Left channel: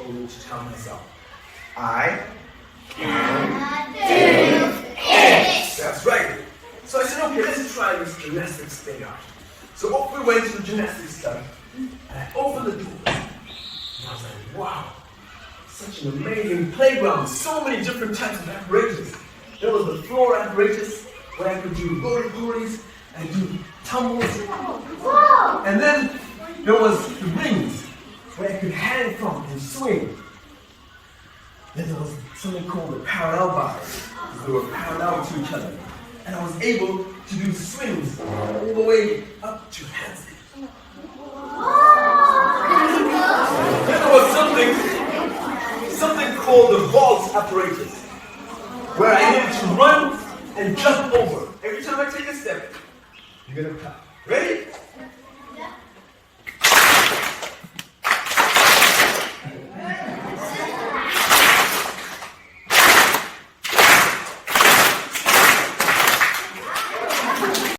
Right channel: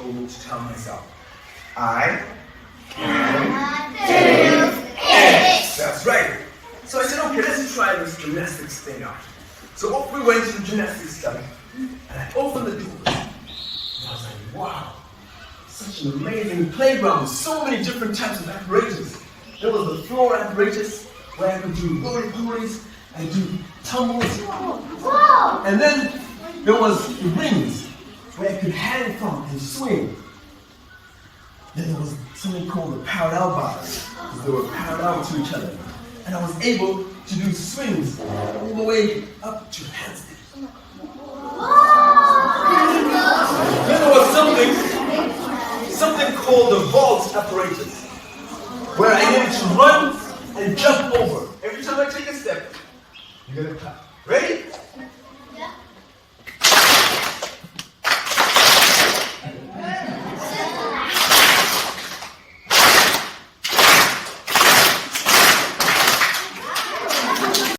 told me to tell myself. I can do it. That's right. So I said, okay, let's try this gymnastics thing out. So off we went to the gymnastics study, and I opened the doors. And I was like, wow, such an amazing playground with so many different types of apparatus. There was the floor apparatus, where I could do roly-polies and do tumbles. Wow. And then there was the rings, where I could hang from and swing. Then there was something called the parallel bars. They were parallel to each other. And I was able to do swings all the way up to handstands. Then there was something called the vault apparatus, where I needed to run and jump over. Every time I take a step, you're gonna clap. Ready?